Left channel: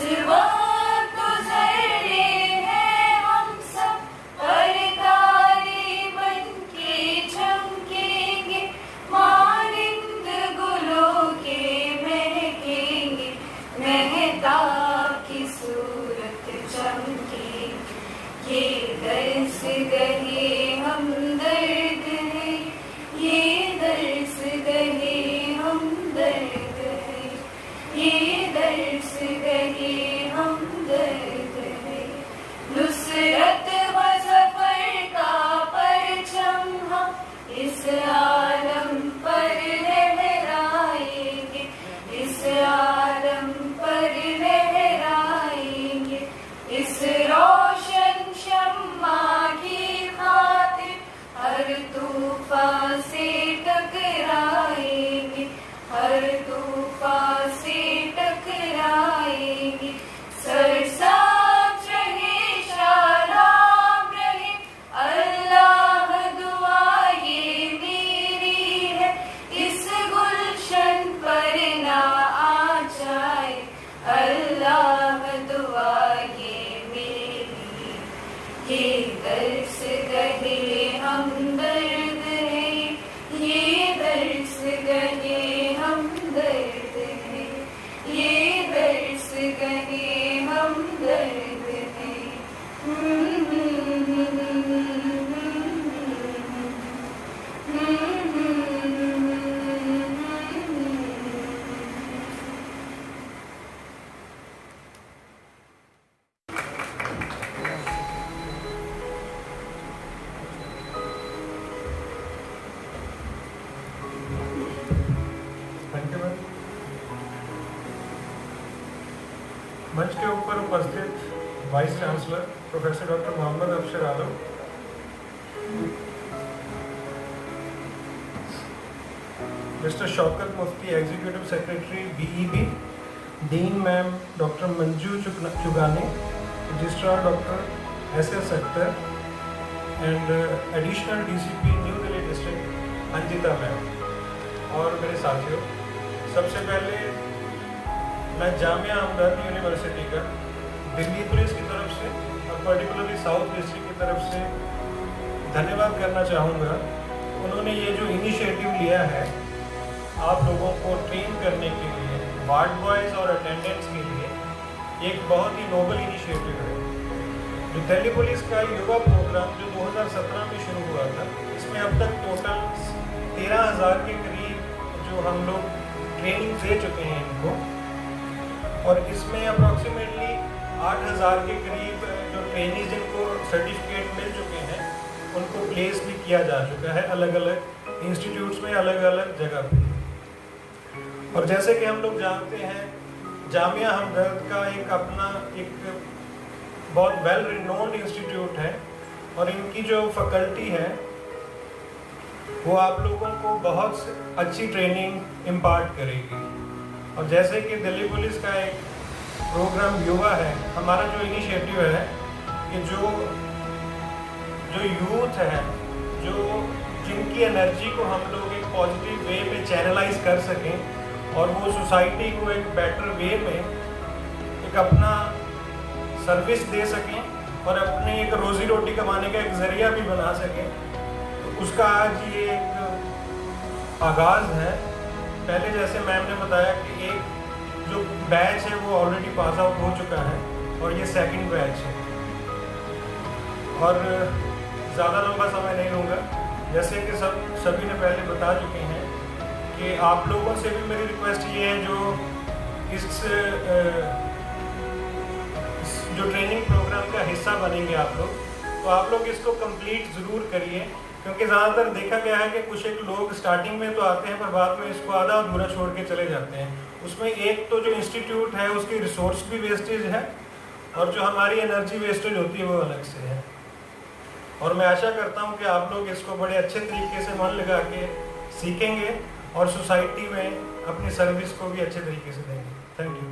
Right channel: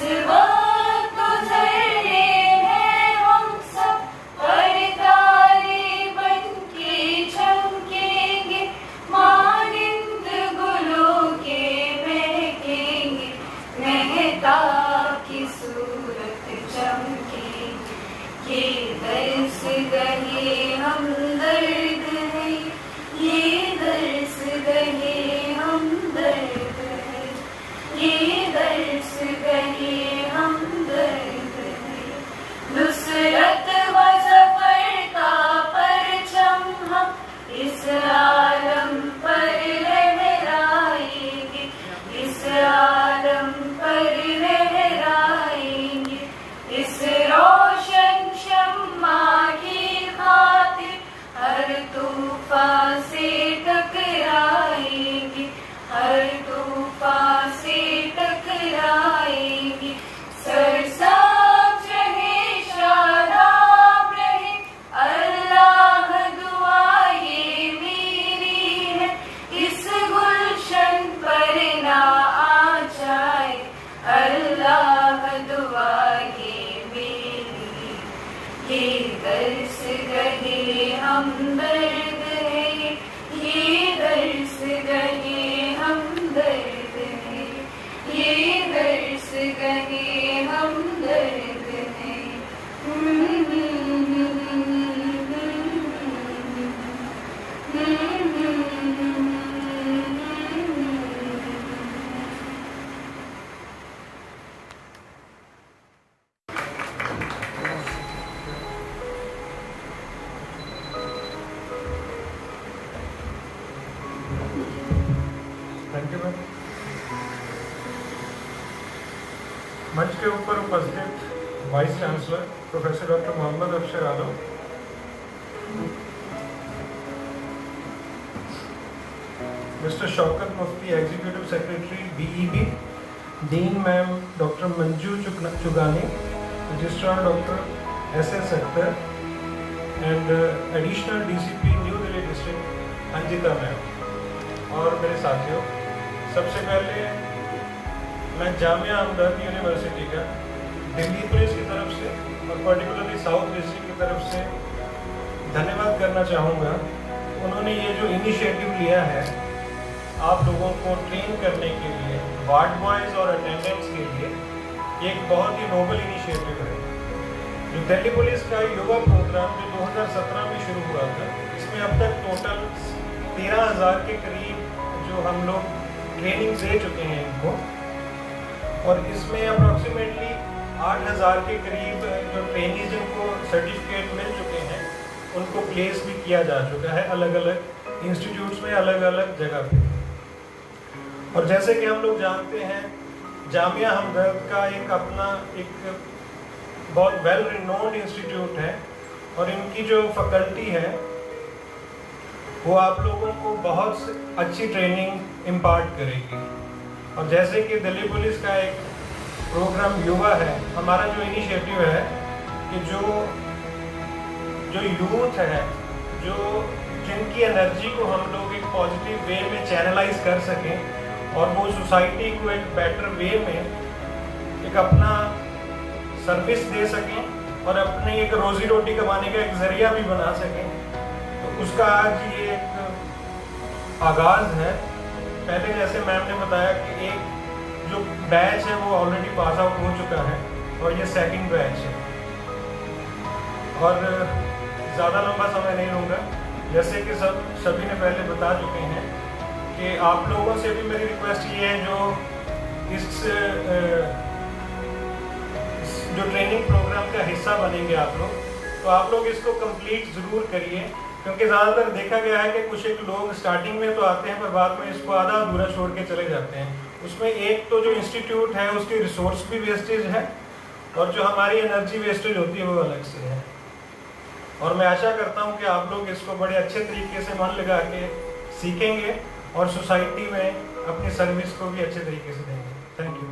वक्त गुजर रहे हैं हम सब, तारे बनके चमकेंगे, मानिंद गुलों के महकेंगे, मेहताब की सूरत चमकेगी। ये दर्स गहे हम दर्द है, ये दर्स गहे हम दर्द है, ये दर्स गहे हम दर्द है। नुसरत व ज़फ़र का परचम हम इस आलम पर लहराएंगे, इस आलम पर लहराएंगे। इस रोशन शम्मा की खातिर हर तूफ़ान से टकराएंगे, हर तूफ़ान से टकराएंगे। सरसाब रहे शादाब रहे, अल्लाह दुआ ये मेरी है, इस गुलशन पर ना आ जाए, अल्लाह दुआ ये मेरी। ये दर्स गहे हम दर्द है, ये दर्स गहे हम दर्द है, ये दर्स गहे हम दर्द है। Thank you. मंच के ऊपर उपस्थित vice chancellor professor doctor Mohammad Afshar Alam, mister Shaukat Mufti executive secretary BEB, dean ma'am doctor Manju Chugani, registrar doctor SS Akhtar and additional DCP New Delhi district Anjita ma'am और मेरे साथियों, सबसे पहले मैं जामिया हमदर्द यूनिवर्सिटी का दिल्ली पुलिस की तरफ से और पर्टिकुलरली साउथ डिस्ट्रिक्ट की तरफ से धन्यवाद करना चाहूँगा। उन्होंने ये जो इनिशिएटिव लिया है आप लोगों को ट्रेन करने के लिए, वार्ड बॉयज़ और अटेंडेंट्स के लिए, ये एक बहुत ही नोबल इनिशिएटिव है। जो दिल्ली पुलिस का युवा प्रोग्राम जो 2017 में शुरू हुआ था, इसमें अब तक टोटल 13,000 के करीब जो हम लोग ट्रेनिंग दे चुके हैं इनको, और इसमें अप्रॉक्सीमेटली 8,000 के करीब जो ट्रेनीज जिनको सर्टिफिकेट मिल चुके हैं उनको प्लेस भी किया जा चुका है अलग अलग इंस्टीट्यूट्स में, अलग अलग जगह पे। और जैसे कि हम लोग जानते हैं जामिया हमदर्द का एक अपना एक बहुत वेल रिनोन्ड इंस्टीट्यूट है और इनकी जो फैकल्टी है वो आप लोगों को बहुत अच्छी ट्रेनिंग इम्पार्ट करेगी। और जैसे कि दिल्ली पुलिस का एक प्रोग्राम युवा है, हमारा जो इनिशिएटिव है कि जो यूथ है, जो जिनकी एनर्जी को हम लोग एक पॉजिटिव वे में चैनलाइज कर सकें और वो सोसाइटी को एक बेटर वे में एक अपना सर्विस दे सकें और अपनी एक रोजी रोटी कमाने का एक जरिया भी बना सकें, तो उसका आज ये एक आगाज़ है। पहले जैसे मैम ने बताया कि एक जो बैच है वो ऑलरेडी पास आउट हो चुका है और ये सेकंड बैच है, और ज़्यादा लंबा समय नहीं लूँगा। जैसे कि सभी ने पहले बता चुके हैं कि आप लोगों से भी मेरी रिक्वेस्ट ये है जो इस जो ट्रेनिंग प्रोग्राम का हिस्सा बनेंगे आप लोग, तो आप लोग इसको कंप्लीट ज़रूर करिए, क्योंकि ज़्यादातर देखा गया है कि कुछ एक लोग स्टार्टिंग में तो आते हैं पर बाद में इसको आधा अधूरा छोड़ के चले जाते हैं। उसमें एक तो जो इंस्टीट्यूट है उसकी रिसोर्स भी वेस्टेज है और जो हमारी एनर्जी वेस्टेज होती है वो अलग से है। और मैं आशा करता हूँ कि आप लोग इसको बड़े अच्छे तरीके से मन लगा के सीखेंगे और सोसाइटी में अपनी सर्विस को भी अच्छे तरीके से देंगे। Thank you.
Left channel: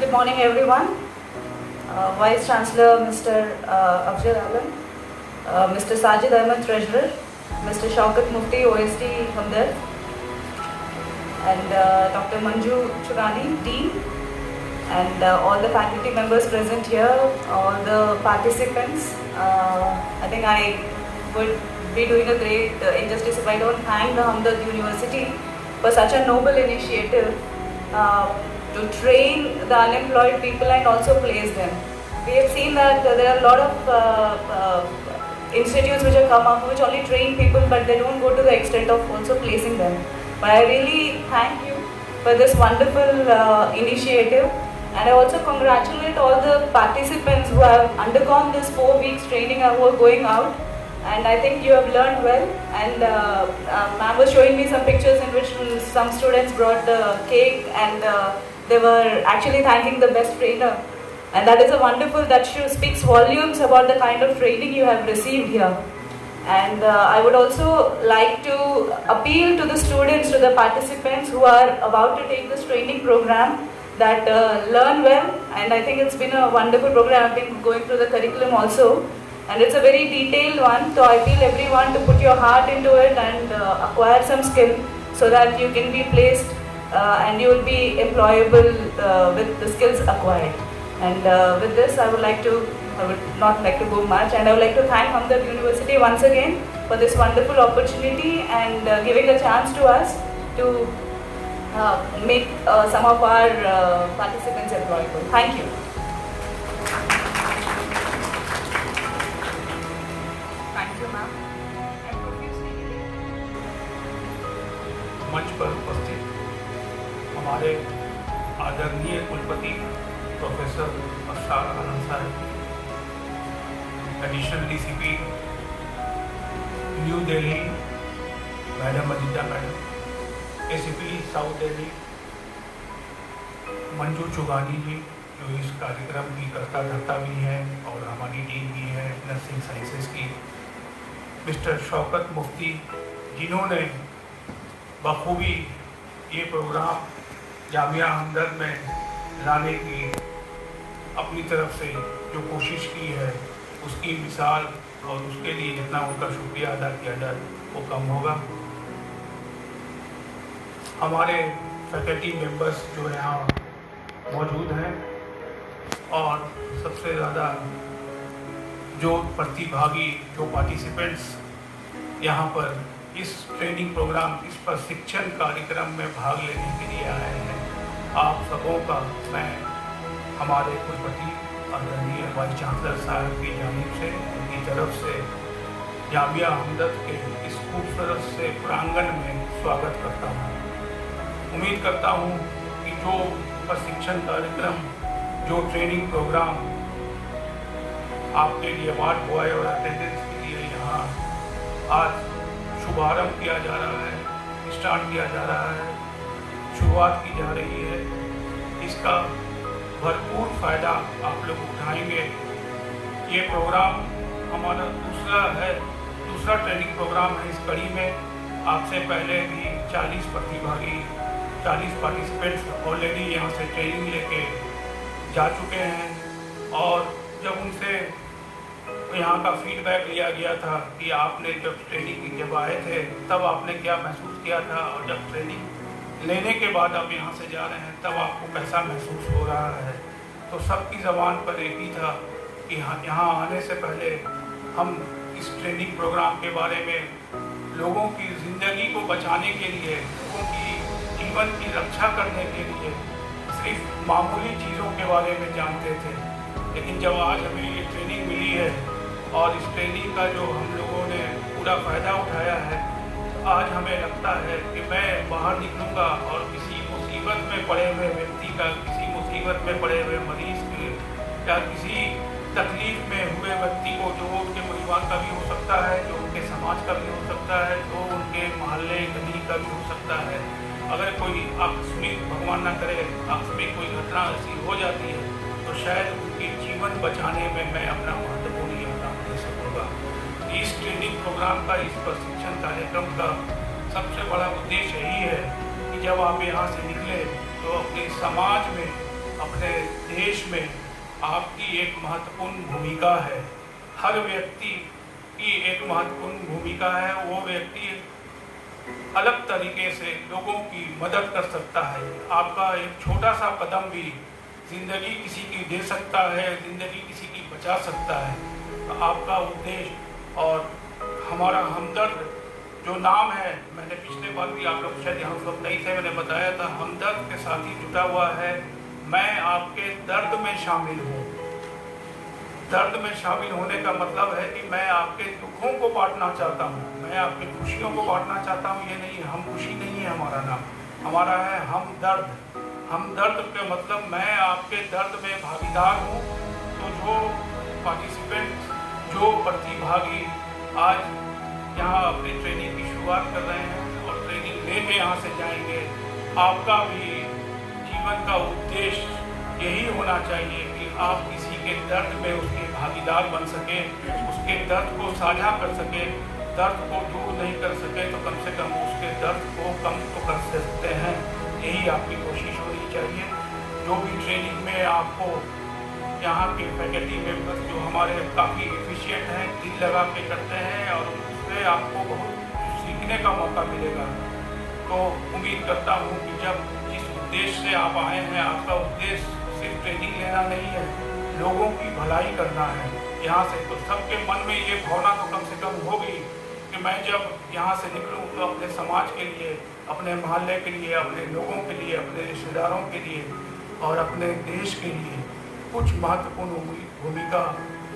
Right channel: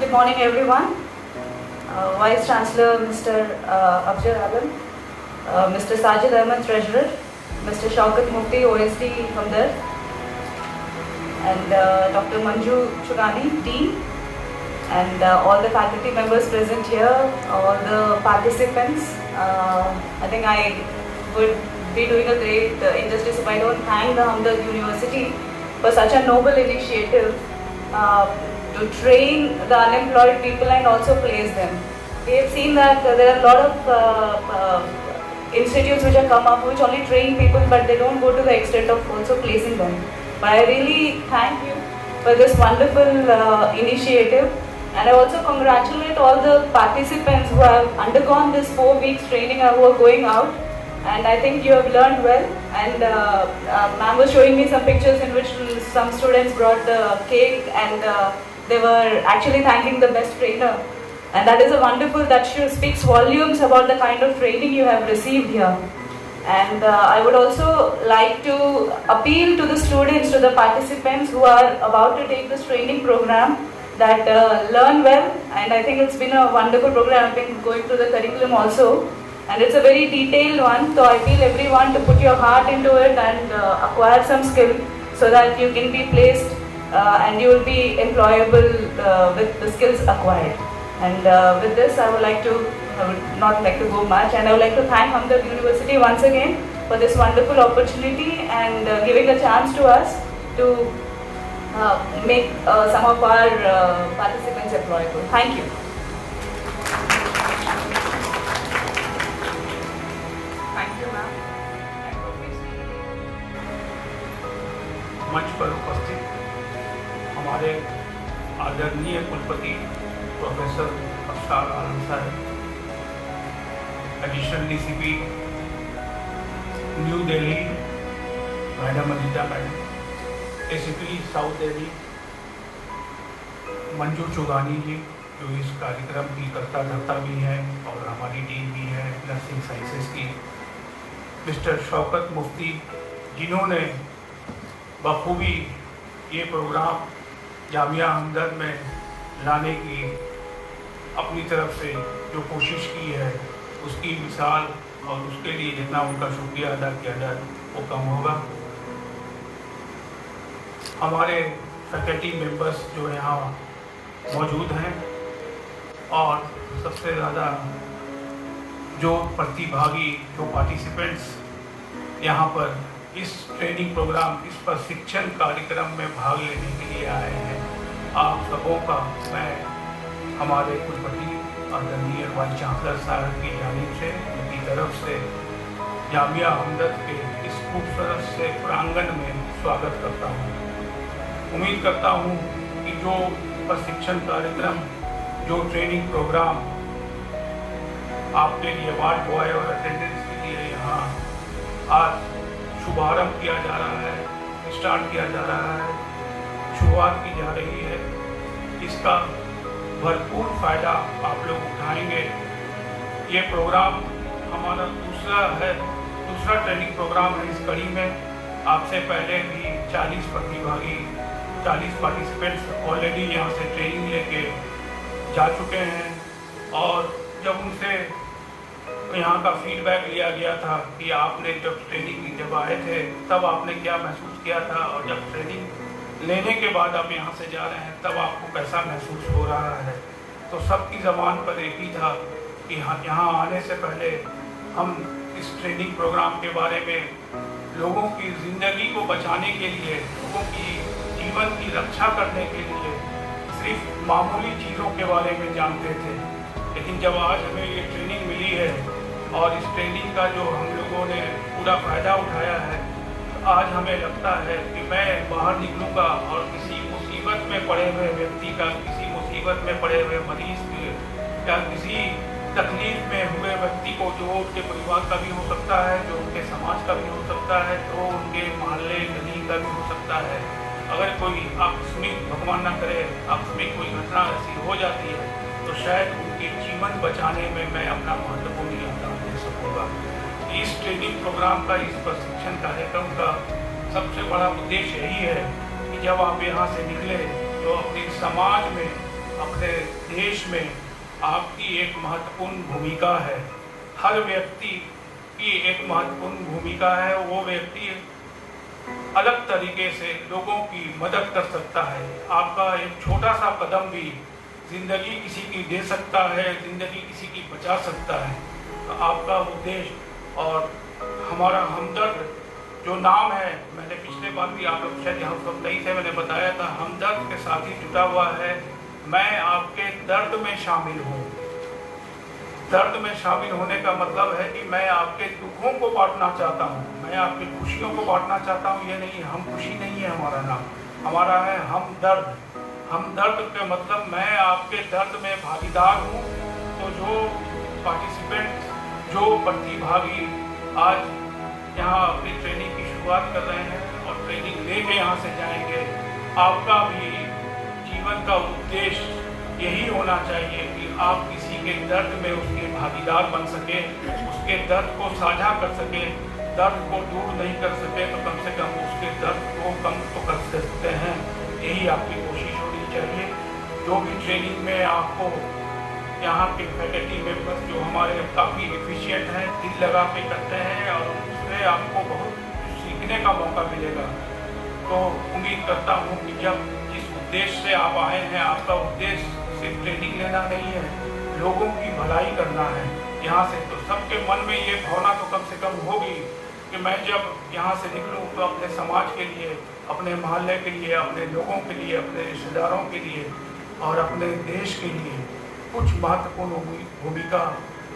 Good morning, everyone. Vice Chancellor Mr. Afzal Alam, Mr. Sajid Ahmed, Treasurer, Mr. Shaukat Mufti, OSD Hamdard, and Dr. Manju Chugani, Dean, and all the faculty members present here, all the participants. I think I would be doing a great injustice if I don't thank the Hamdard University for such a noble initiative to train the unemployed people and also place them. We have seen that there are a lot of institutes which have come up which only train people, but they don't go to the extent of also placing them. But I really thank you for this wonderful initiative, and I also congratulate all the participants who have undergone this 4 weeks training and who are going out. And I think you have learned well. And ma'am was showing me some pictures in which some students brought cake, and they were actually thanking the best trainer. And that is a wonderful, that speaks volumes about the kind of training you have received here. And I would also like to appeal to the students, to the participants who are about to take this training program, that learn well. And I think it's been a wonderful program. I've been going through the curriculum also. And it's a very detailed one. So I appeal everyone to put your heart into it and acquire some skill so that you can be placed and you will be employable with the skills acquired. And with this, I would not like to go much, and I would like to thank Hamdard University once again for this wonderful opportunity and giving a chance to us to make some of our participants employable. Thank you. Thank you, ma'am. मंच पर उपस्थित हमारे आदरणीय कुलपति professor Afsar Alam sahab, additional DCP New Delhi madam Anita madam, ACP south Delhi Manju Chugani ji, जो इस कार्यक्रम की कर्ता धर्ता भी हैं और हमारी टीम भी है नर्सिंग साइंसेज की, मिस्टर शौकत मुफ्ती, जिन्होंने बखूबी ये प्रोग्राम जामिया हमदर्द में लाने की अपनी तरफ से जो कोशिश की है, उसकी मिसाल और उसके लिए जितना उनका शुक्रिया अदा किया जाए वो कम होगा। हमारे फैकल्टी मेंबर्स जो यहाँ मौजूद हैं और सबसे ज़्यादा जो प्रतिभागी, जो पार्टिसिपेंट्स यहाँ पर इस ट्रेनिंग प्रोग्राम, इस प्रशिक्षण कार्यक्रम में भाग लेने के लिए आए हैं, आप सबों का मैं हमारे कुलपति आदरणीय वाइस चांसलर साहब की जानिब से, उनकी तरफ से जामिया हमदर्द के इस खूबसूरत से प्रांगण में स्वागत करता हूँ। उम्मीद करता हूँ कि जो प्रशिक्षण कार्यक्रम, जो ट्रेनिंग प्रोग्राम आपके लिए अवार्ड बॉय और अटेंडेंस के लिए यहाँ आज शुभारंभ किया जा रहा है, स्टार्ट किया जा रहा है, शुरुआत की जा रही है, इसका भरपूर फायदा आप लोग उठाएंगे। ये प्रोग्राम हमारा दूसरा ट्रेनिंग प्रोग्राम है इस कड़ी में। आपसे पहले भी 40 प्रतिभागी, 40 पार्टिसिपेंट्स ऑलरेडी यहाँ से ट्रेनिंग लेके जा चुके हैं, और जब उनसे यहाँ का फीडबैक लिया गया था कि आपने जब आए थे तब आपने क्या महसूस किया था, और जब ट्रेनिंग लेने के बाद आप यहाँ से जा रहे हैं तब आपको कैसा महसूस हो रहा है, तो सबकी ज़बान पर एक ही था कि यहाँ आने से पहले हम इस ट्रेनिंग प्रोग्राम के बारे में लोगों की ज़िंदगी को बचाने के लिए, लोगों की जीवन की रक्षा करने के लिए सिर्फ मामूली चीज़ों के बारे में जानते थे। लेकिन जब आज हमें ये ट्रेनिंग मिली है और इस ट्रेनिंग का जो हम लोगों ने पूरा फ़ायदा उठाया है, आज हमें लगता है कि मैं बाहर निकलूँगा और किसी मुसीबत में पड़े हुए व्यक्ति का, किसी मुसीबत में पड़े हुए मरीज के या किसी तकलीफ में हुए व्यक्ति को, जो उनके परिवार का भी हो सकता है, जो उनके समाज का भी हो सकता है, जो उनके मोहल्ले गली का भी हो सकता है, अगर कोई आकस्मिक, भगवान न करे, आकस्मिक कोई घटना ऐसी हो जाती है तो शायद उनके जीवन बचाने में मैं अपना महत्वपूर्ण योगदान दे सकूँगा। इस ट्रेनिंग प्रोग्राम का, इस प्रशिक्षण कार्यक्रम का सबसे बड़ा उद्देश्य यही है कि जब आप यहाँ से निकले तो अपने समाज में, अपने देश में आपकी एक महत्वपूर्ण भूमिका है। हर व्यक्ति की एक महत्वपूर्ण भूमिका है। वो व्यक्ति अलग तरीके से लोगों की मदद कर सकता है। आपका एक छोटा सा कदम भी जिंदगी किसी की दे सकता है, जिंदगी किसी की बचा सकता है। तो आपका उद्देश्य और हमारा हमदर्द जो नाम है, मैंने पिछले बार भी आप लोग शायद यहाँ सब नहीं थे, मैंने बताया था, हमदर्द के साथ ही जुड़ा हुआ है। मैं आपके दर्द में शामिल हूँ। दर्द में शामिल होने का मतलब है कि मैं आपके दुखों को बांटना चाहता हूँ, मैं आपकी खुशियों को बांटना चाहता हूँ। ये नहीं, हम खुशी नहीं है हमारा नाम, हमारा है हमदर्द। हमदर्द के मतलब मैं आपके दर्द में भागीदार हूँ। तो जो पार्टिसिपेंट, जो प्रतिभागी आज यहाँ अपनी ट्रेनिंग की शुरुआत कर रहे हैं और ट्रेनिंग लेके यहाँ से जाएंगे, आपका भी जीवन का उद्देश्य यही होना चाहिए कि आप किसी के दर्द में उसके भागीदार बन सके, उसके दर्द को साझा कर सके। दर्द को दूर नहीं कर सके तो कम से कम उसके दर्द को कम तो कर सकते हैं। यही आपकी कोशिश होनी चाहिए। जो भी ट्रेनिंग में आपको यहाँ के फैकल्टी मेंबर्स जो हमारे काफ़ी एफिशिएंट हैं, दिल लगा के करते हैं और उससे आपको बहुत सीखने का मौका मिलेगा। तो उम्मीद करता हूँ कि जब जिस उद्देश्य से आप आए हैं, आपका उद्देश्य सिर्फ ट्रेनिंग लेना नहीं है, लोगों की भलाई करना है। यहाँ से तो सबके मन में ये भावना तो कम से कम होगी कि मैं जब यहाँ से निकलूँ तो अपने समाज के लिए, अपने मोहल्ले के लिए, अपने लोगों के लिए, अपने रिश्तेदारों के लिए और अपने देश के लिए कुछ महत्वपूर्ण भूमिका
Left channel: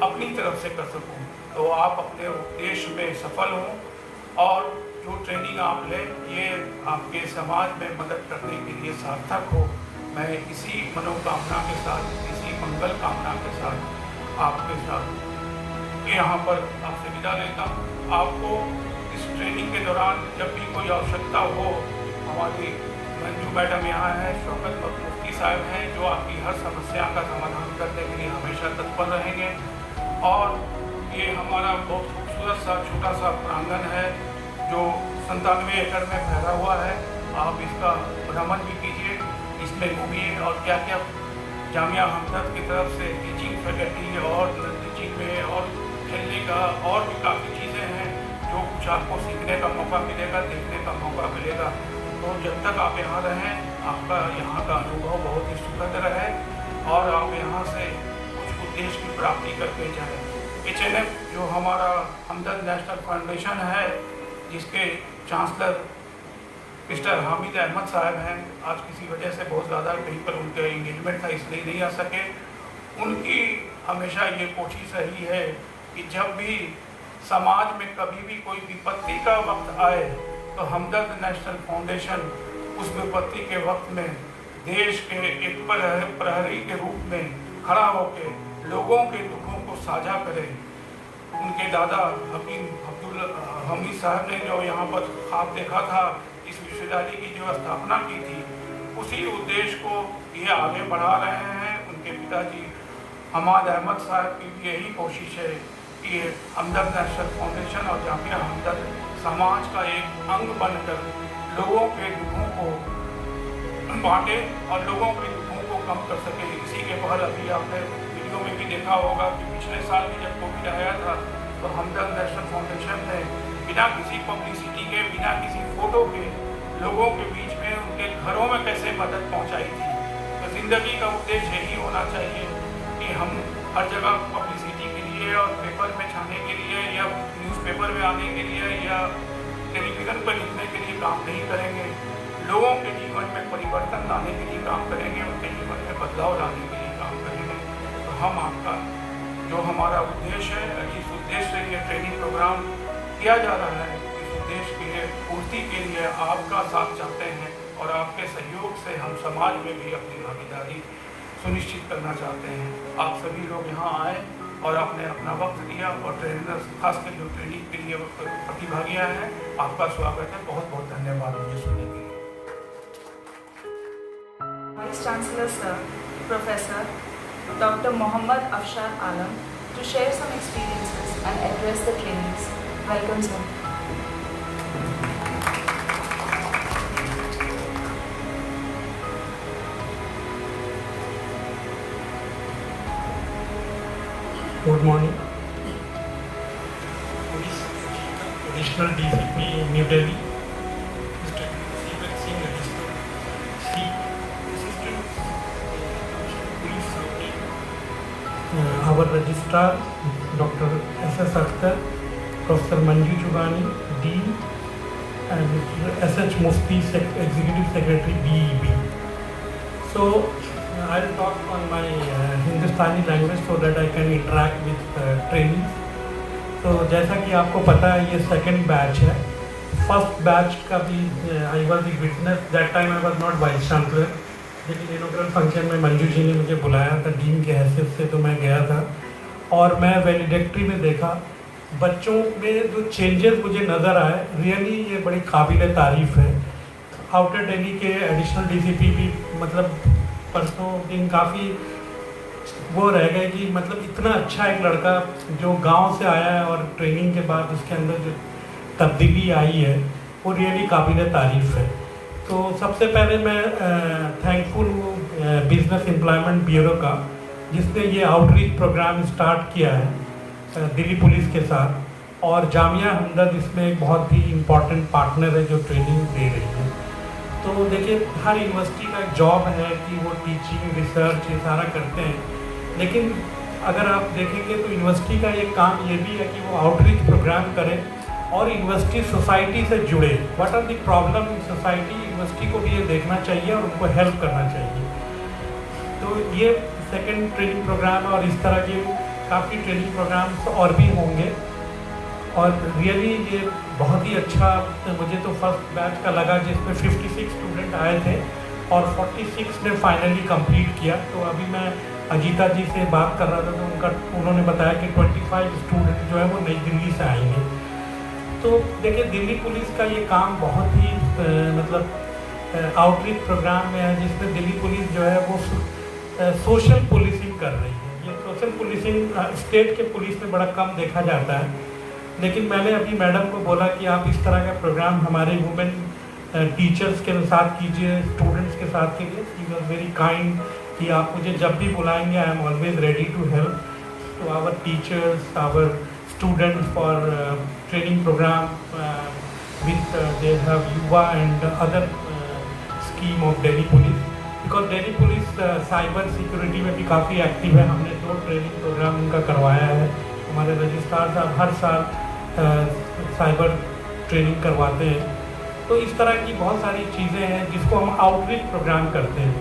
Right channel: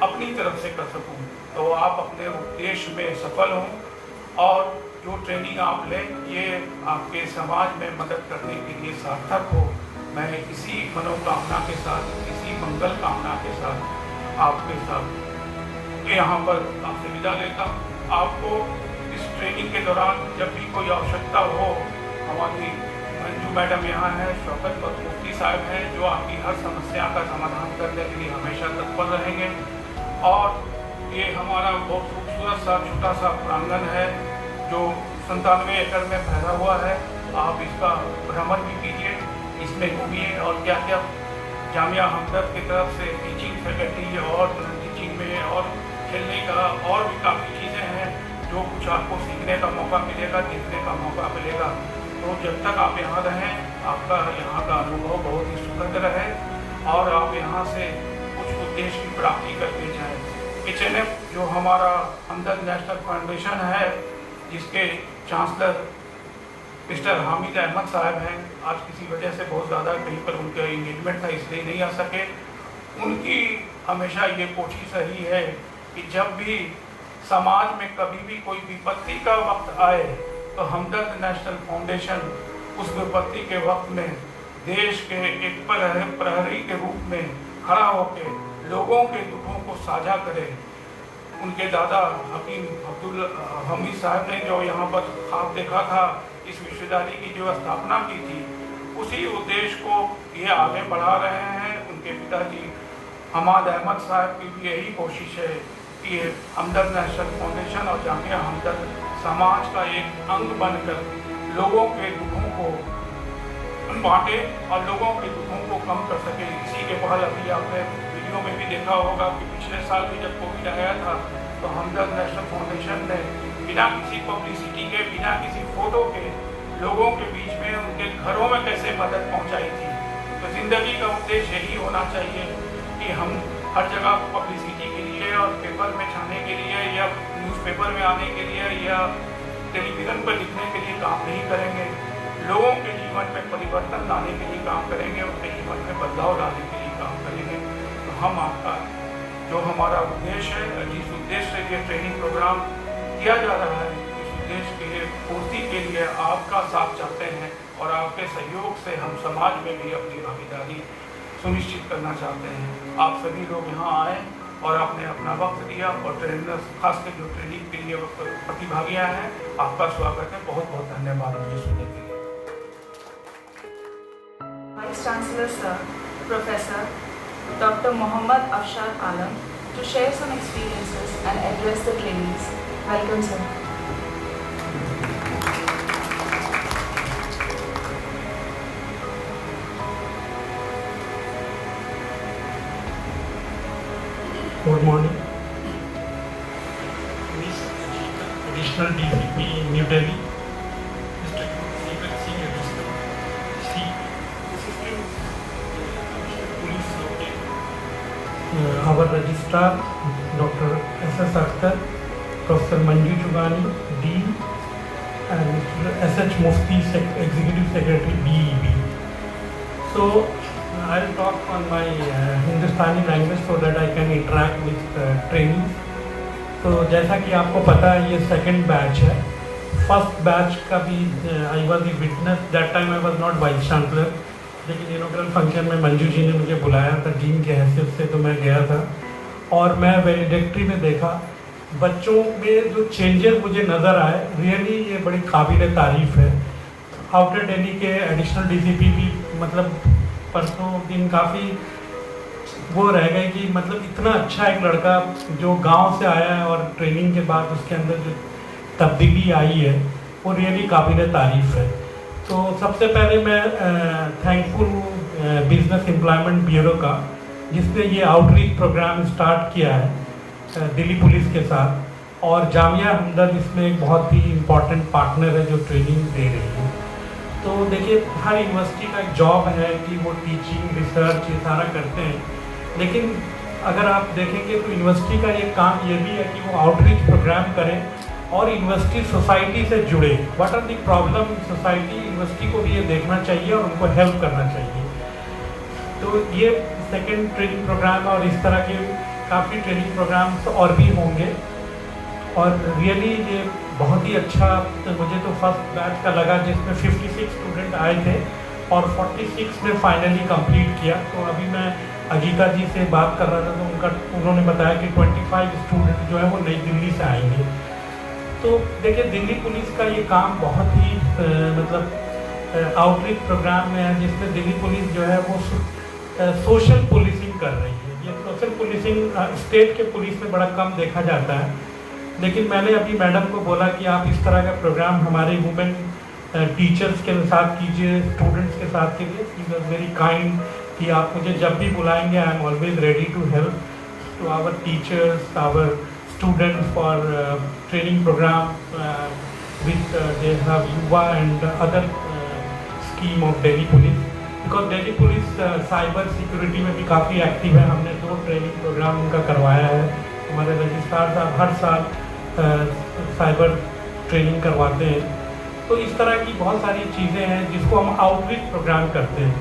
अपनी तरफ से कर सकूं। तो आप अपने उद्देश्य में सफल हों और जो ट्रेनिंग आप लें ये आपके समाज में मदद करने के लिए सार्थक हो। मैं इसी मनोकामना के साथ, इसी मंगल कामना के साथ आपके साथ यहाँ पर आपसे विदा लेता हूँ। आपको इस ट्रेनिंग के दौरान जब भी कोई आवश्यकता हो, हमारी मंजू मैडम यहाँ हैं, शौकत मुफ्ती साहब हैं, जो आपकी हर समस्या का समाधान करने के लिए हमेशा तत्पर रहेंगे। और ये हमारा बहुत खूबसूरत सा छोटा सा प्रांगण है जो 97 एकड़ में फैला हुआ है। आप इसका भ्रमण भी कीजिए, इसमें घूमिए और क्या क्या जामिया हमदर्द की तरफ से टीचिंग फैकल्टी और टीचिंग में और खेलने का और भी काफ़ी चीज़ें हैं जो कुछ आपको सीखने का मौका मिलेगा, देखने का मौका मिलेगा। तो जब तक आप यहाँ रहें, आपका यहाँ का अनुभव बहुत ही सुखद रहे और आप यहाँ से कुछ उद्देश्य की प्राप्ति करते जाएँ। HNF जो हमारा हमदर्द नेशनल फाउंडेशन है, जिसके चांसलर मिस्टर हामिद अहमद साहब हैं, आज किसी वजह से बहुत ज़्यादा कहीं पर उनके इंगेजमेंट था इसलिए नहीं आ सके। उनकी हमेशा ये कोशिश रही है कि जब भी समाज में कभी भी कोई विपत्ति का वक्त आए तो हमदर्द नेशनल फाउंडेशन उस विपत्ति के वक्त में देश के एक प्रहरी के रूप में खड़ा होकर लोगों के दुखों को साझा करे। उनके दादा हकीम अब्दुल हमीद साहब ने जो यहाँ पर ख्वाब देखा था, इस विश्वविद्यालय की जो स्थापना की थी, उसी उद्देश्य को ये आगे बढ़ा रहे हैं। उनके पिताजी हमाद अहमद साहब की भी यही कोशिश है कि हमदर्द नेशनल फाउंडेशन और जामिया हमदर्द समाज का एक अंग बनकर लोगों के दुखों को बांटे और लोगों के दुखों को कम कर सके। इसी के बाद अभी आपने वीडियो में भी देखा होगा कि पिछले साल भी जब कोविड आया था तो हमदर्द नेशनल फाउंडेशन ने बिना किसी पब्लिसिटी के, बिना किसी फोटो के लोगों के बीच में उनके घरों में कैसे मदद पहुंचाई थी। तो जिंदगी का उद्देश्य यही होना चाहिए कि हम हर जगह पब्लिसिटी के लिए और पेपर में छाने के लिए या न्यूज़पेपर में आने के लिए या टेलीविज़न पर लिखने के लिए काम नहीं करेंगे। लोगों के जीवन में परिवर्तन लाने के लिए काम करेंगे, उनके जीवन में बदलाव लाने के लिए काम करेंगे। तो हम आपका जो हमारा उद्देश्य है, जिस उद्देश्य से ये ट्रेनिंग प्रोग्राम किया जा रहा है, इस उद्देश्य के लिए पूर्ति के लिए आपका साथ चाहते हैं और आपके सहयोग से हम समाज में भी अपनी भागीदारी सुनिश्चित करना चाहते हैं। आप सभी लोग यहाँ आए और आपने अपना वक्त दिया और ट्रेनर्स खासकर जो ट्रेनिंग के लिए प्रतिभागियाँ हैं, आपका स्वागत है। बहुत बहुत धन्यवाद मुझे सुनने के लिए। Vice Chancellor Sir, Professor Dr. Mohammad Afshar Alam to share some experiences and address the trainees. Welcome, sir. Good morning. Additional DCP New Delhi, Mr. Senior Assistant Police our Registrar, Dr. S.S. Akhtar, Professor Manju Chugani, Dean, and Mr. S.H. Mufti, Executive Secretary, BEB. So, I'll talk on my Hindustani language so that I can interact with trainees. तो जैसा कि आपको पता है ये second batch है. First batch का भी I was a witness. That time I was not vice chancellor, लेकिन इनॉग्रल फंक्शन में मंजू जी ने मुझे बुलाया था डीन के हैसियत से, तो मैं गया था और मैं वैलिडेक्ट्री में देखा बच्चों में जो चेंजेस मुझे नज़र आए. रियली ये बड़ी काबिल तारीफ़ है. आउटर दिल्ली के एडिशनल डीसीपी भी मतलब परसों दिन काफ़ी वो रह गए कि मतलब इतना अच्छा एक लड़का जो गांव से आया है और ट्रेनिंग के बाद उसके अंदर जो तब्दीली आई है वो रियली काबिल तारीफ़ है. तो सबसे पहले मैं थैंकफुल हूँ बिजनेस एम्प्लॉयमेंट ब्यूरो का, जिसने ये आउटरीच प्रोग्राम स्टार्ट किया है दिल्ली पुलिस के साथ, और जामिया हमदर्द इसमें एक बहुत ही इम्पोर्टेंट पार्टनर है जो ट्रेनिंग दे रही है. तो देखिए हर यूनिवर्सिटी का एक जॉब है कि वो टीचिंग रिसर्च ये सारा करते हैं, लेकिन अगर आप देखेंगे तो यूनिवर्सिटी का एक काम ये भी है कि वो आउटरीच प्रोग्राम करें और यूनिवर्सिटी सोसाइटी से जुड़े. What are the problem in society, university को भी ये देखना चाहिए और उनको हेल्प करना चाहिए. तो ये सेकंड ट्रेनिंग प्रोग्राम और इस तरह के काफ़ी ट्रेनिंग प्रोग्राम्स और भी होंगे. और रियली ये बहुत ही अच्छा मुझे तो फर्स्ट बैच का लगा, जिसमें 56 स्टूडेंट आए थे और 46 ने फाइनली कंप्लीट किया. तो अभी मैं अजीता जी से बात कर रहा था तो उन्होंने बताया कि 25 स्टूडेंट जो है वो नई दिल्ली से आएंगे. तो देखिए दिल्ली पुलिस का ये काम बहुत ही मतलब आउटरीच प्रोग्राम में है, जिसमें दिल्ली पुलिस जो है वो सोशल पुलिसिंग कर रही है. ये सोशल पुलिसिंग स्टेट के पुलिस में बड़ा कम देखा जाता है, लेकिन मैंने अभी मैडम को बोला कि आप इस तरह का प्रोग्राम हमारे वुमेन टीचर्स के साथ कीजिए, स्टूडेंट्स के साथ कीजिए. ही वॉज वेरी काइंड कि आप मुझे जब भी बुलाएंगे I am always ready to help to our teachers, our students for training programme with they have Yuva and other scheme of Delhi police. Because Delhi police cyber security में भी काफ़ी एक्टिव है. हमने 2 ट्रेनिंग प्रोग्राम उनका करवाया है. हमारे रजिस्ट्रार साहब हर साल साइबर ट्रेनिंग करवाते हैं. तो इस तरह की बहुत सारी चीज़ें हैं जिसको हम आउटरीच प्रोग्राम करते हैं.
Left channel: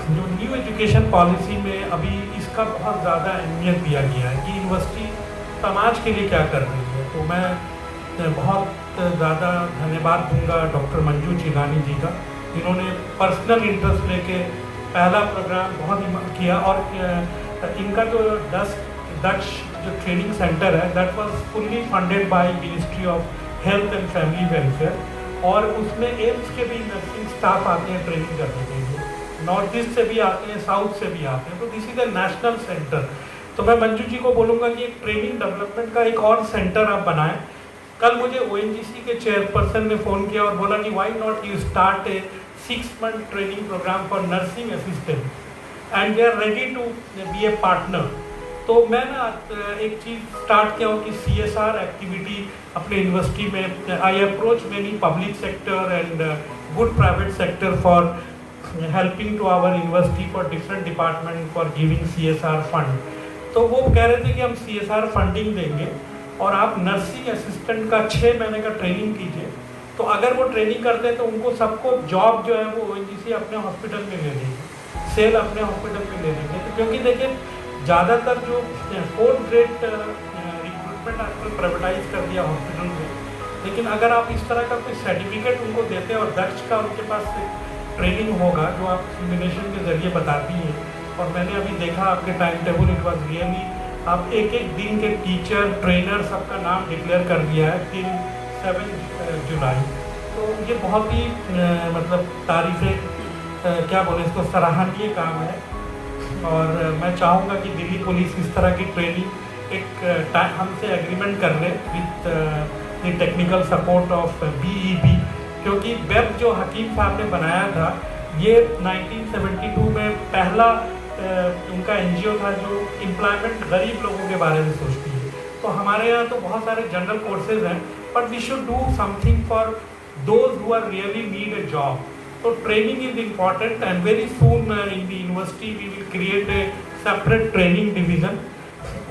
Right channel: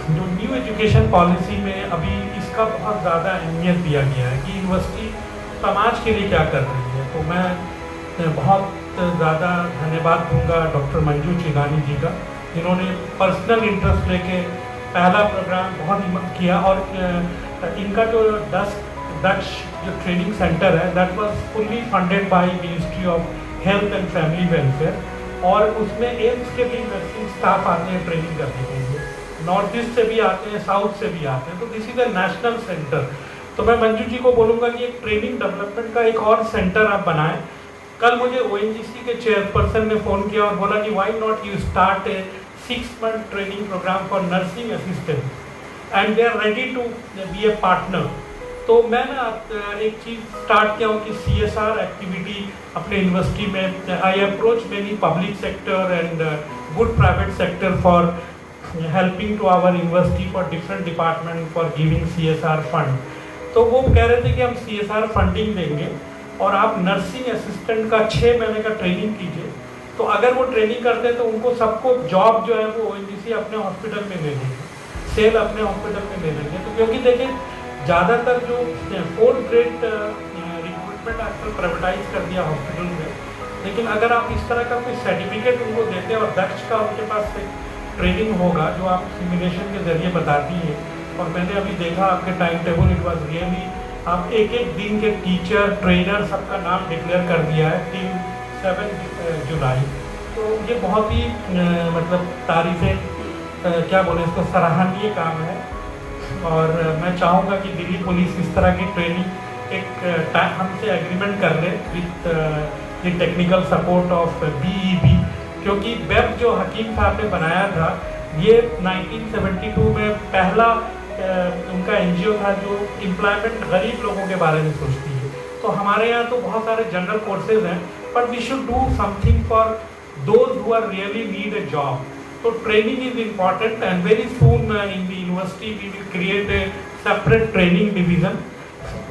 जो न्यू एजुकेशन पॉलिसी में अभी इसका बहुत ज़्यादा अहमियत दिया गया है कि यूनिवर्सिटी समाज के लिए क्या कर रही है. तो मैं बहुत ज़्यादा धन्यवाद दूंगा डॉक्टर मंजू चिगानी जी का, जिन्होंने पर्सनल इंटरेस्ट लेके पहला प्रोग्राम बहुत किया. और इनका जो दक्ष जो ट्रेनिंग सेंटर है that was fully funded by ministry of health and family welfare, और उसमें एम्स के भी नर्सिंग स्टाफ आते हैं ट्रेनिंग करने के लिए. नॉर्थ ईस्ट से भी आते हैं, साउथ से भी आते हैं. तो this is a national centre. तो मैं मंजू जी को बोलूँगा कि एक ट्रेनिंग डेवलपमेंट का एक और सेंटर आप बनाएं. कल मुझे ONGC के चेयरपर्सन ने फ़ोन किया और बोला कि why not you start a 6-month training program for nursing assistant and they are ready to be a partner. तो मैं ना एक चीज़ स्टार्ट किया हूँ कि CSR एक्टिविटी अपने यूनिवर्सिटी में. I approach many public sector and good private sector for helping to our university for different department for giving CSR fund. तो वो कह रहे थे कि हम CSR फंडिंग देंगे और आप नर्सिंग असिस्टेंट का 6 महीने का ट्रेनिंग कीजिए. तो अगर वो ट्रेनिंग करते हैं तो उनको सबको जॉब जो है वो ONGC अपने हॉस्पिटल में ले लेंगे, सेल अपने हॉस्पिटल में ले लेंगे. तो क्योंकि देखिए ज़्यादातर जो 4th grade रिक्रूटमेंट आजकल प्राइवेटाइज कर दिया हॉस्पिटल में, लेकिन अगर आप इस तरह का कोई सर्टिफिकेट उनको देते हैं और दक्ष का उनके पास ट्रेनिंग होगा जो आप सिमुलेशन के जरिए बताती हैं. और मैंने अभी देखा आपके time table, it was really आप एक दिन के टीचर ट्रेनर सबका नाम डिक्लेयर कर दिया है टिल 7 जुलाई. तो ये बहुत ही मतलब तारीफ़ें क्या बोले इसको सराहनीय काम है. और मैं चाहूँगा कि दिल्ली पुलिस इस तरह की ट्रेनिंग एक हमसे एग्रीमेंट कर ले with the technical support of BEB, क्योंकि वेब जो हकीम साहब ने बनाया था ये 1972 में पहला उनका NGO था जो एम्प्लॉयमेंट गरीब लोगों के बारे में सोचती है। तो हमारे यहाँ तो बहुत सारे जनरल कोर्सेज हैं, but we should do something for those who are really need a job. तो training is important and very soon in the university we will create a separate training division.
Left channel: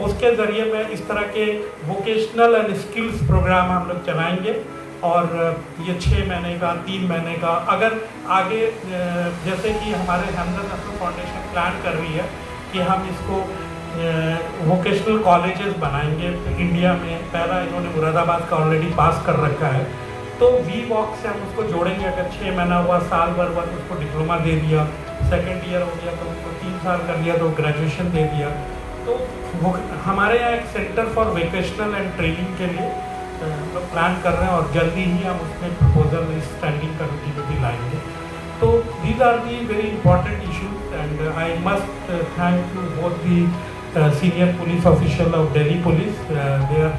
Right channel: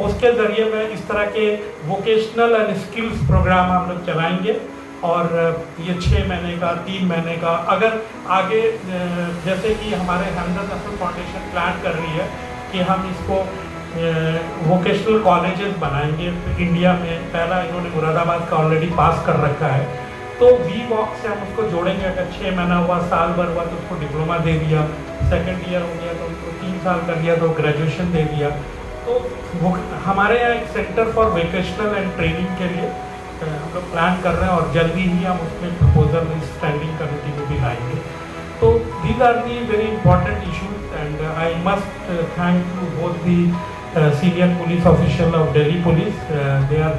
उसके जरिए में इस तरह के vocational and skills program हम लोग चलाएंगे, और ये 6 महीने का, 3 महीने का, अगर आगे जैसे कि हमारे हैंडल फाउंडेशन प्लान कर रही है कि हम इसको वोकेशनल कॉलेजेस बनाएंगे इंडिया में। पहला इन्होंने मुरादाबाद का ऑलरेडी पास कर रखा है, तो VWOC से हम उसको जोड़ेंगे। अगर 6 महीना हुआ, साल भर हुआ तो उसको डिप्लोमा दे दिया, सेकेंड ईयर हो गया तो उसको 3 साल कर दिया तो ग्रेजुएशन दे दिया। तो हमारे यहाँ एक centre for vocational and training के लिए हम लोग प्लान कर रहे हैं, और जल्दी ही हम उसमें प्रपोजल स्टैंडिंग कमेटी में भी लाएंगे। तो these are the very important issues, and I must thank to both the senior police official of Delhi police. They are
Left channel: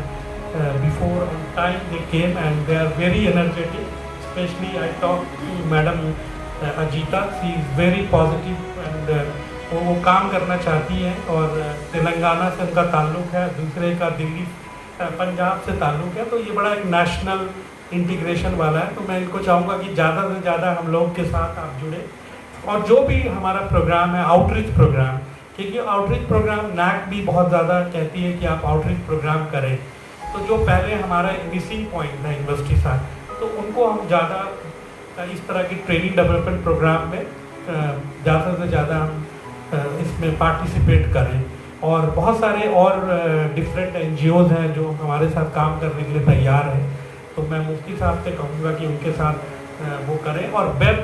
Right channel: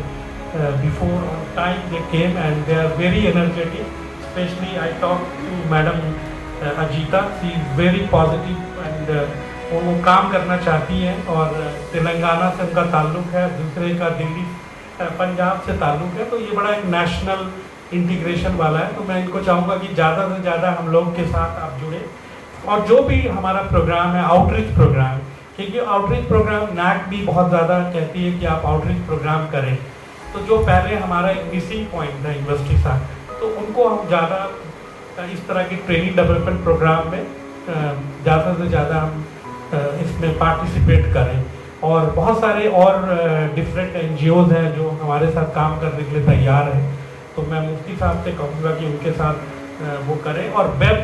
before time they came and they are very energetic. Specially I talk to madam Ajita, she is very positive and वो काम करना चाहती हैं, और तेलंगाना से उनका ताल्लुक है, दूसरे का दिल्ली पंजाब से ताल्लुक है। तो ये बड़ा एक नेशनल इंटीग्रेशन वाला है। तो मैं इनको चाहूँगा कि ज़्यादा से ज़्यादा हम लोग के साथ आप जुड़े, और जो भी हमारा प्रोग्राम है आउटरीच प्रोग्राम, क्योंकि आउटरीच प्रोग्राम NAC भी बहुत ज़्यादा कहती है कि आप आउटरीच प्रोग्राम करें। तो जो पहले हमारा एक मिसिंग पॉइंट था यूनिवर्सिटी साहब, तो उनको हम ज़्यादा इस तरह की ट्रेनिंग डेवलपमेंट प्रोग्राम में ज़्यादा से ज़्यादा हम इसमें पार्टिसिपेट करें। और बहुत सारे और डिफरेंट NGOs हैं जो हमारे साथ काम करने के लिए तैयार हैं। तो मैं मुफ्ती साहब से कहूँगा कि उनके साथ वो करें, और वेब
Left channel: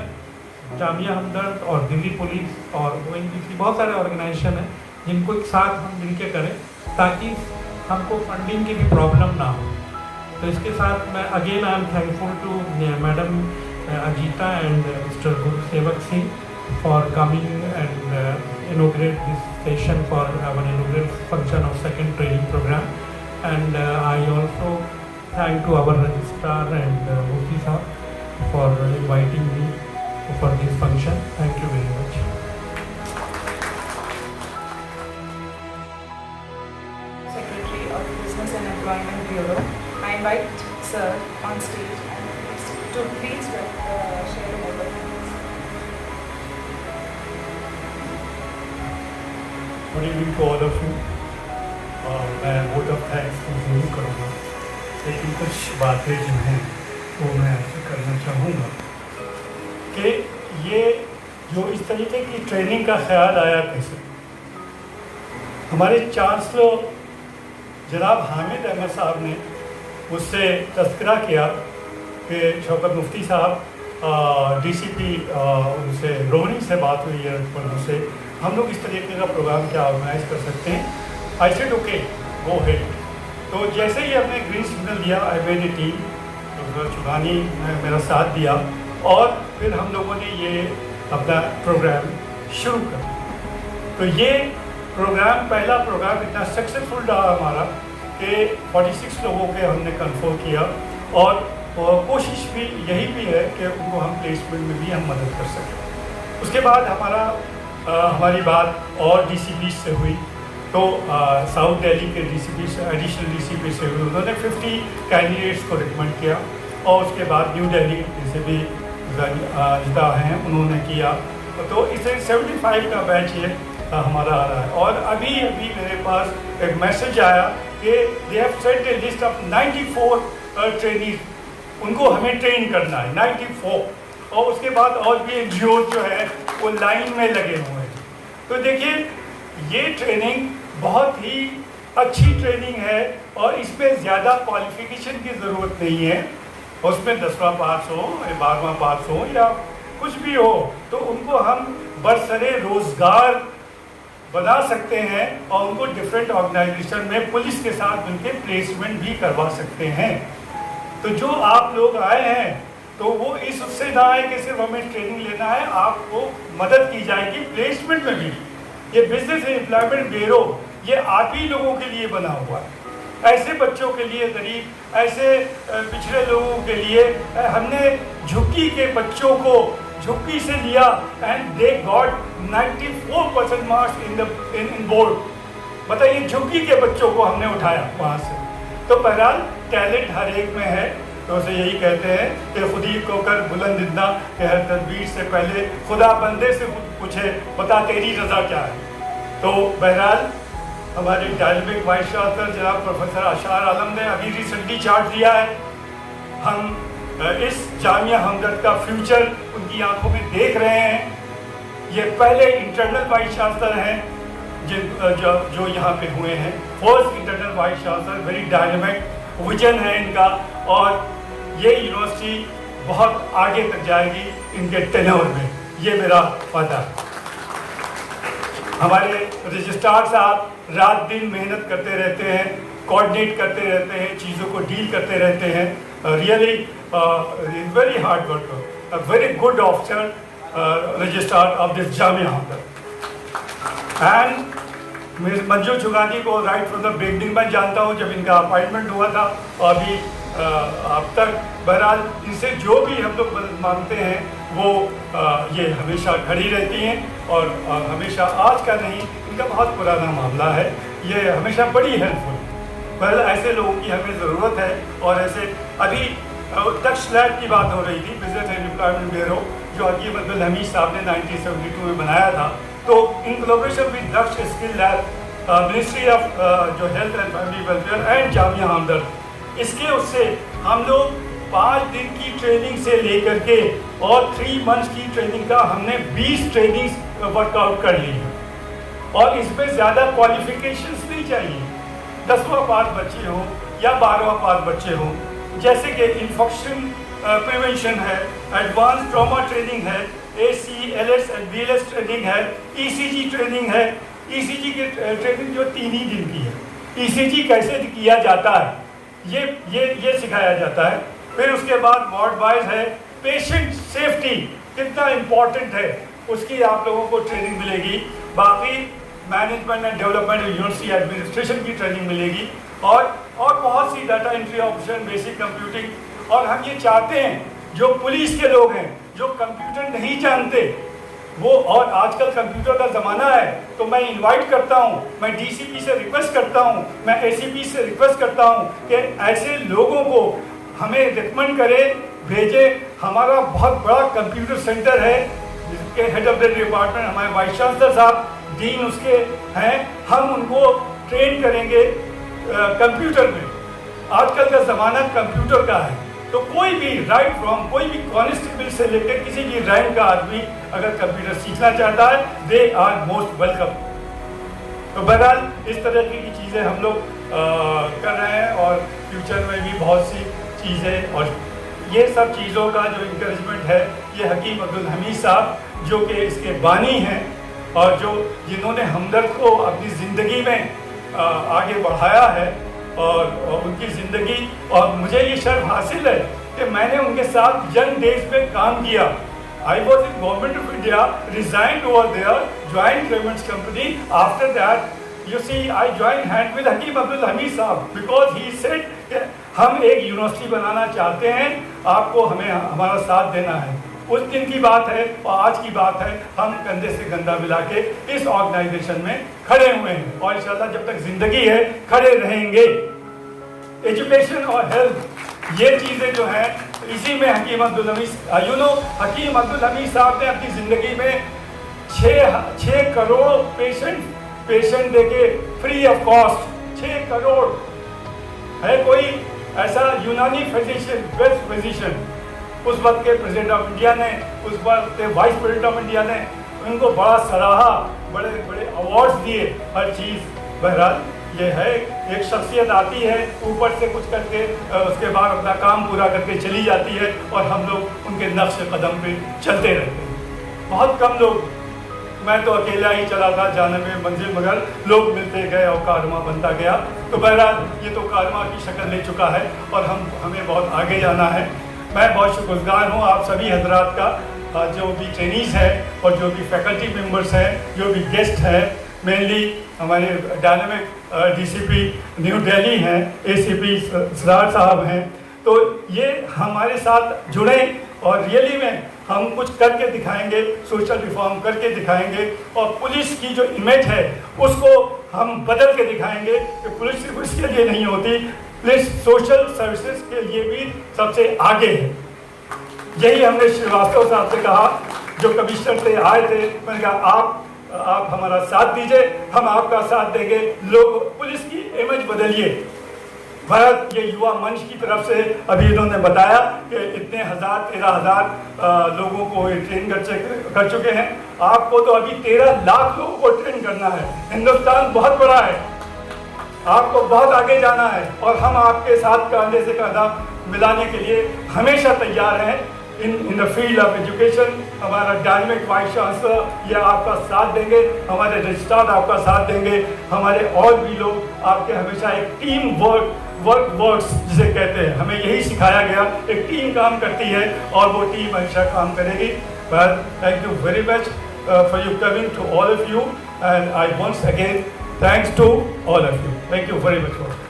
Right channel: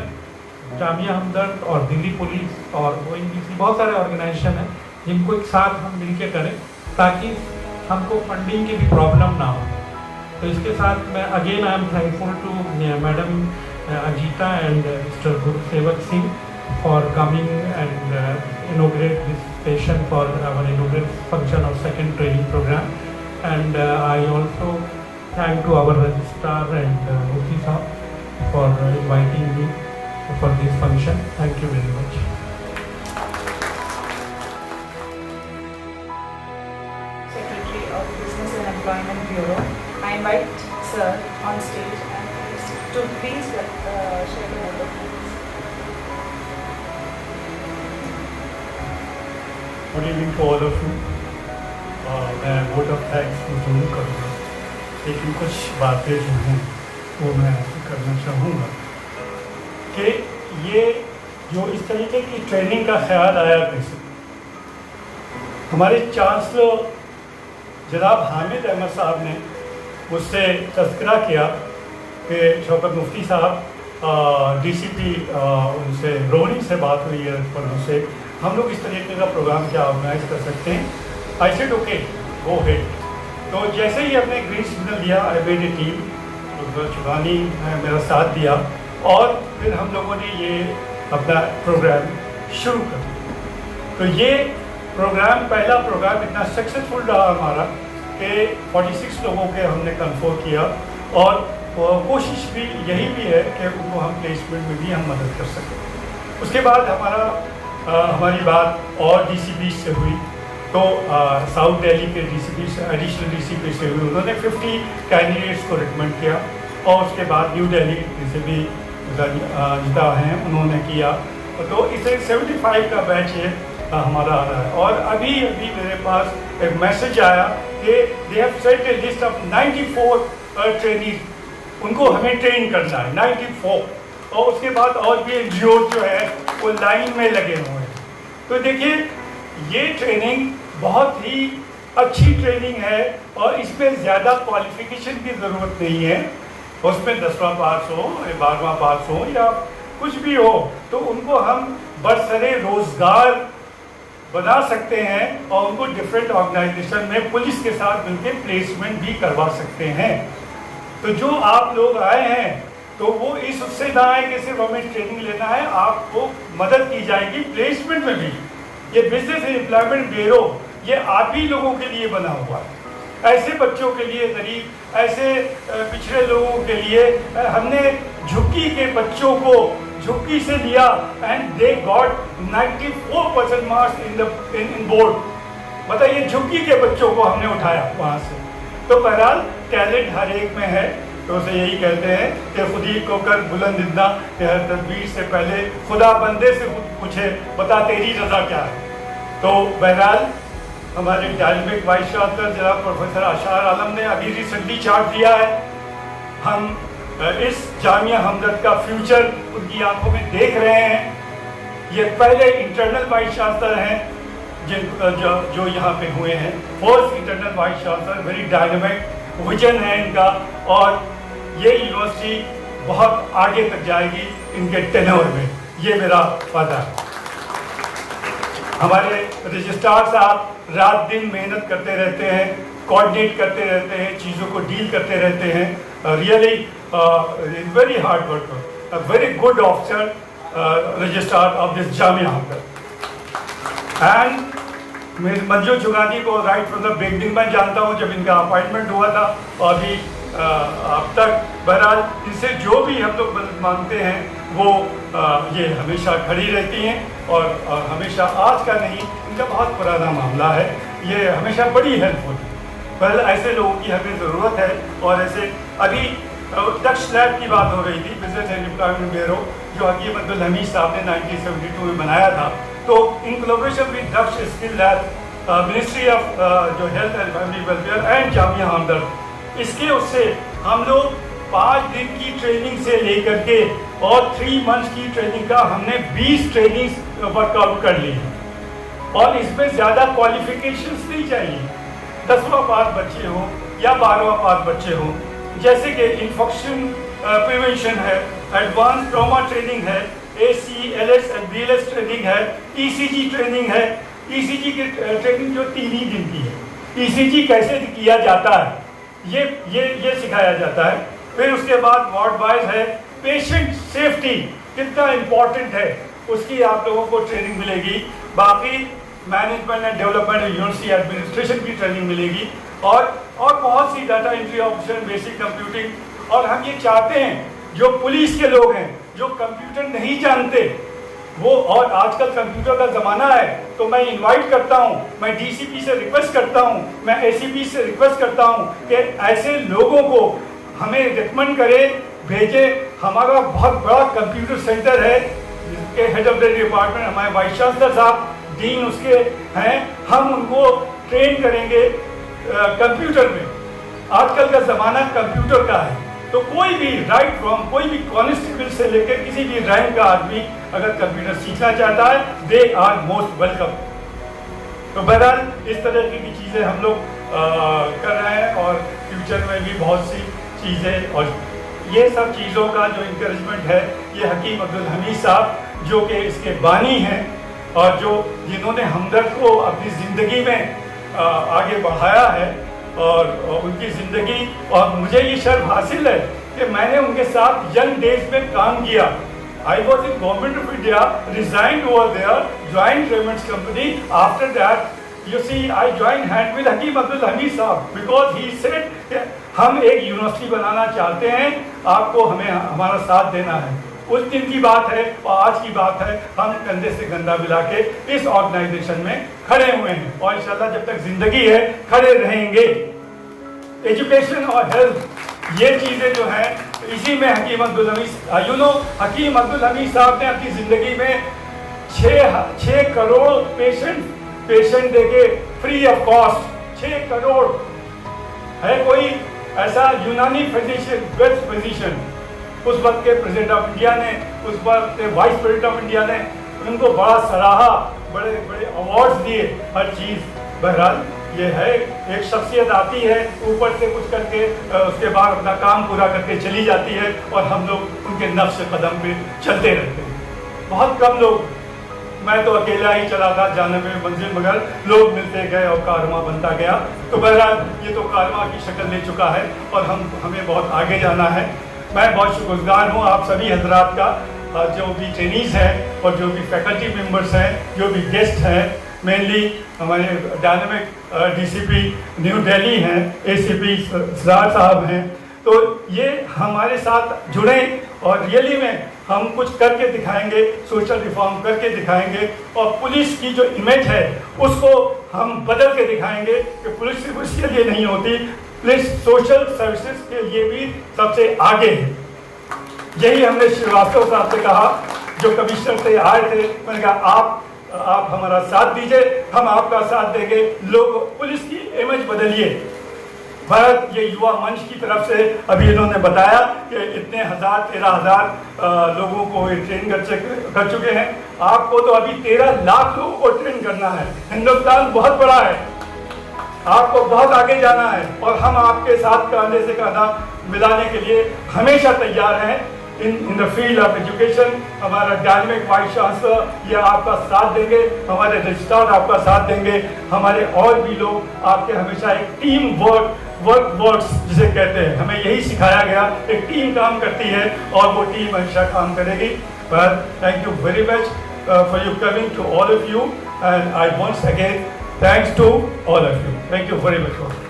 जामिया हमदर्द और दिल्ली पुलिस और ONGC बहुत सारे ऑर्गेनाइजेशन हैं जिनको एक साथ हम मिलकर करें, ताकि हमको फंडिंग की भी प्रॉब्लम ना हो। तो इसके साथ मैं again I am thankful to madam Ajita and mister Gursevak Singh for coming and inaugurate this session for our inaugural function of second training program. And I also thank to our registrar and Mufti Sahab for inviting me for this function. Thank you very much. Secretary of Business and Employment Bureau, I invite Sir on stage and to please share the microphone. Good evening to all of you. मैं vote of thanks जरूर करूँगा, लेकिन कुछ बातें जो हैं वो मैं ऐसे करना चाहूँगा कि ये जो इस तरीके की ट्रेनिंग का ख्याल आया कैसे। हमारे चांसलर जनाब हामिद अहमद साहब ने मुझसे तज़किरा किया कि शौकत मुफ्ती साहब DCP उनसे रोहनी से बात हुई है, पर मुझसे हम लोग इस तरीके का प्रोग्राम क्या ऑर्गेनाइज कर सकते हैं। I said okay go head. तो जैसे ही हमने ग्रीन सिग्नल दिया, I made a team, Chugani ने मेरा साथ दिया, और फिर हम लोगों ने ये अपना प्रोग्राम शुरू कर दिया। तो ये प्रोग्राम, पहला प्रोग्राम इतना सक्सेसफुल रहा हमारा कि 46 लोगों के हमने कन्फर्म किया, और कोशिश भी यही भी है कि उनको हम प्लेसमेंट में भी हम मदद कर सकें। उसके बाद हमारी बात और DCP से हुई, तो साउथ दिल्ली के DCP से, एडिशनल DCP से हुई, उन्होंने 50 कैंडिडेट्स को रिकमेंड किया, और उसके बाद न्यू दिल्ली DCP जिदा हैं उन्होंने किया। तो इसे 75 का बैच ये हमारा आ रहा है। और अभी मेरे पास एक मैसेज आया कि they have set A list of 94 trainees, उनको हमें ट्रेन करना है 94, और उसके बाद और भी NGO जो है वो लाइन में लगे हुए हैं। तो देखिए ये ट्रेनिंग बहुत ही अच्छी ट्रेनिंग है, और इसमें ज़्यादा क्वालिफिकेशन की ज़रूरत नहीं है। उसमें 10वां पास हो, 12वां पास हो, या कुछ भी हो, तो उनको हम बरसरे रोज़गार बना सकते हैं, और उनको डिफरेंट ऑर्गेनाइजेशन में पुलिस के साथ मिलकर प्लेसमेंट भी करवा सकते हैं। तो जो आप लोग आए हैं, तो वो इस उससे ना आए कि सिर्फ हमें ट्रेनिंग लेना है, आपको मदद की जाएगी प्लेसमेंट में भी। ये बिजनेस एंड एम्प्लॉयमेंट ब्यूरो ये आप ही लोगों के लिए बना हुआ है, ऐसे बच्चों के लिए, गरीब, ऐसे पिछड़े लोगों के लिए। हमने झुग्गी के बच्चों को झुक्की से लिया and they got 94% marks in board. बताइए, झुक्की के बच्चों को हमने उठाया वहाँ से। तो बहरहाल टैलेंट हर एक में है। तो उसे यही कहते हैं कि खुदी को कर बुलंद इतना कि हर तदबीर से पहले खुदा बंदे से पूछे बता तेरी रजा क्या है। तो बहरहाल हमारे डायनेमिक वाइस चांसलर जनाब प्रोफेसर अशार आलम ने अभी रिसेंटली चार्ट दिया है। हम इस जामिया हमदर्द का फ्यूचर उनकी आंखों में देख रहे हैं। ये पहले इंटरनल वाइस चांसलर हैं जो यहाँ पे हुए हैं, first internal vice chancellor. Very dynamic vision है इनका और ये यूनिवर्सिटी बहुत आगे तक जाएगी इनके टेन्योर में, ये मेरा वादा है। हमारे रजिस्ट्रार साहब रात दिन मेहनत करते रहते हैं, कोऑर्डिनेट करते रहते हैं, चीज़ों को डील करते रहते हैं। Really very hard worker, a very good officer registrar of this Jamia Hamdard. And Manju Chugani को राइट फ्रॉम द बिगनिंग मैं जानता हूँ, जब इनका अपॉइंटमेंट हुआ था और अभी अब तक। बहरहाल इनसे जो भी हम लोग मदद मांगते हैं वो ये हमेशा खड़ी रहती हैं और हमेशा आज का नहीं, इनका बहुत पुराना मामला है, ये हमेशा बड़ी हेल्पफुल। पहले ऐसे लोगों की हमें ज़रूरत है। और ऐसे अभी दक्ष लैब की बात हो रही थी, बिजनेस एंड एम्प्लॉयमेंट ब्यूरो, जो हकीम अब्दुल हमीद साहब ने 1972 में बनाया था। तो in collaboration with Daksh skill lab, ministry of जो health and family welfare and Jamia Hamdard, इसके उससे हम लोग 5 दिन की ट्रेनिंग से लेकर के और 3 मंथ्स की ट्रेनिंग का हमने 20 ट्रेनिंग वर्कआउट कर ली है। और इसमें ज़्यादा क्वालिफिकेशंस नहीं चाहिए, 10वां पास बच्चे हों या 12वां पास बच्चे हों। जैसे कि इन्फेक्शन प्रिवेंशन है, एडवांस ट्रॉमा ट्रेनिंग है, AC, LS and BLS training है, ECG ट्रेनिंग है। ECG की ट्रेनिंग जो 3 ही दिन की है। ECG कैसे किया जाता है ये सिखाया जाता है। फिर उसके बाद वार्ड वाइज है, पेशेंट सेफ्टी कितना इम्पोर्टेंट है उसकी आप लोगों को ट्रेनिंग मिलेगी। बाकी management and development university administration की ट्रेनिंग मिलेगी और बहुत सी data entry operation, basic computing. और हम ये चाहते हैं जो पुलिस के लोग हैं जो कंप्यूटर नहीं जानते वो, और आजकल कंप्यूटर का ज़माना है, तो मैं इनवाइट करता हूं, मैं DCP से रिक्वेस्ट करता हूं, मैं ACP से रिक्वेस्ट करता हूं कि ऐसे लोगों को हमें रिकमेंड करें, भेजें। हमारा बहुत बड़ा कंप्यूटर सेंटर है जिसके हेड ऑफ द डिपार्टमेंट हमारे वाइस चांसलर साहब, डीन उसके हैं, हम उनको ट्रेन करेंगे कंप्यूटर में। आजकल का ज़माना कंप्यूटर का है, तो कोई भी राइट फ्रॉम कोई भी कॉन्स्टेबल से लेकर किसी भी रैंक का आदमी अगर कंप्यूटर सीखना चाहता है, दे आर मोस्ट वेलकम। तो बहरहाल इस तरह की चीज़ें हम लोग कर रहे हैं और फ्यूचर में भी बहुत सी चीज़ें, और ये सब चीज़ों का जो इंकरेजमेंट है ये हकीम अब्दुल हमीद साहब जो कि इसके बानी हैं और जिन्होंने हमदर्द को अपनी ज़िंदगी में आगे बढ़ाया है और उनकी ज़िंदगी, और मुझे ये शर्फ हासिल है कि मैंने उनके साथ यंग डेज में काम किया। I was in government of India, resigned over there, joint Raymonds company. After that you see I join hand with Hakim Abdul Hamid sahab because he said हम एक यूनिवर्सिटी बनाना चाहते हैं, आपको हमें हमारा साथ देना है। उस दिन की बात है और आज की बात है, हम कंधे से कंधा मिला के इस ऑर्गेनाइजेशन में खड़े हुए हैं और इंशाल्लाह जब तक जिंदगी है खड़े रहेंगे। एजुकेशन और हेल्थ ये चीज़ें जो हैं, इसी में हकीम अब्दुल हमीद हकीम अब्दुल हमीद साहब ने अपनी ज़िंदगी में 6 करोड़ पेशेंट देके फ्री ऑफ कॉस्ट 6 करोड़ है। कोई ऐसा यूनानी फिजिशियन, बेस्ट फिजिशियन उस वक्त के प्रेसिडेंट ऑफ इंडिया ने, उस वक्त के वाइस प्रेसिडेंट ऑफ इंडिया ने उनको बड़ा सराहा, बड़े बड़े अवार्ड्स दिए, हर चीज़। बहरहाल ये है, एक शख्सियत आती है ऊपर से कुछ करके, उसके बाद अपना काम पूरा करके चली जाती है और हम लोग उनके नक्श कदम पे चलते रहते हैं। बहुत कम लोग, मैं तो अकेला ही चला था जाने में मंजिल, मगर लोग मिलते गए और कारवां बनता गया। तो बहरहाल ये तो कारवां की शक्ल ले चुका है और हमें बहुत आगे जाना है। मैं बहुत शुक्रगुजार हूँ आप सभी हजरात का, जो भी ट्रेनीज हैं और जो भी फैकल्टी मेंबर्स हैं, जो भी गेस्ट हैं, मेनली हमारे डायनेमिक DCP न्यू दिल्ली हैं, ACP सरदार साहब हैं। तो ये हमारे साथ जुड़े और रियली में हम कुछ करके दिखाएंगे, सोशल रिफॉर्म करके दिखाएंगे और पुलिस की जो इमेज है उसको हम बदल के दिखाएंगे कि पुलिस सिर्फ उसके लिए नहीं होती, पुलिस सोशल सर्विसेज के लिए भी सबसे आगे है। यही हमने श्रीवास्तव साहब से कहा, जो कमिश्नर से आए थे, मैंने कहा आप हमारा साथ दीजिए, हम आपका साथ देंगे, लोग पुलिस की इमेज बदलिए। भारत ये युवा मंच की तरफ से अभी इन्होंने बताया कि इतने 13,000 लोगों को ट्रेन कर चुके हैं। आपको तो अभी 13 लाख लोगों को ट्रेन करना है। हिंदुस्तान बहुत बड़ा है, आपको बहुत आगे जाना है और हम आपके साथ कंधे से कंधा मिलाने के लिए हमेशा तैयार हैं। In the field of education हमारा डायनेमिक वाइस चांसलर ये आपका साथ देंगे, हमारे रजिस्ट्रार आपका साथ देंगे, हमारे और भी लोग आपके हमेशा एक टीम वर्क्स जिसे कहते हैं, हमें यही सिखाया गया, एक टीम काम करती है और वो टीम हमेशा काम करेगी। But thank you very much for you coming to all of you, and I once again thanks to all of you. Thank you very much.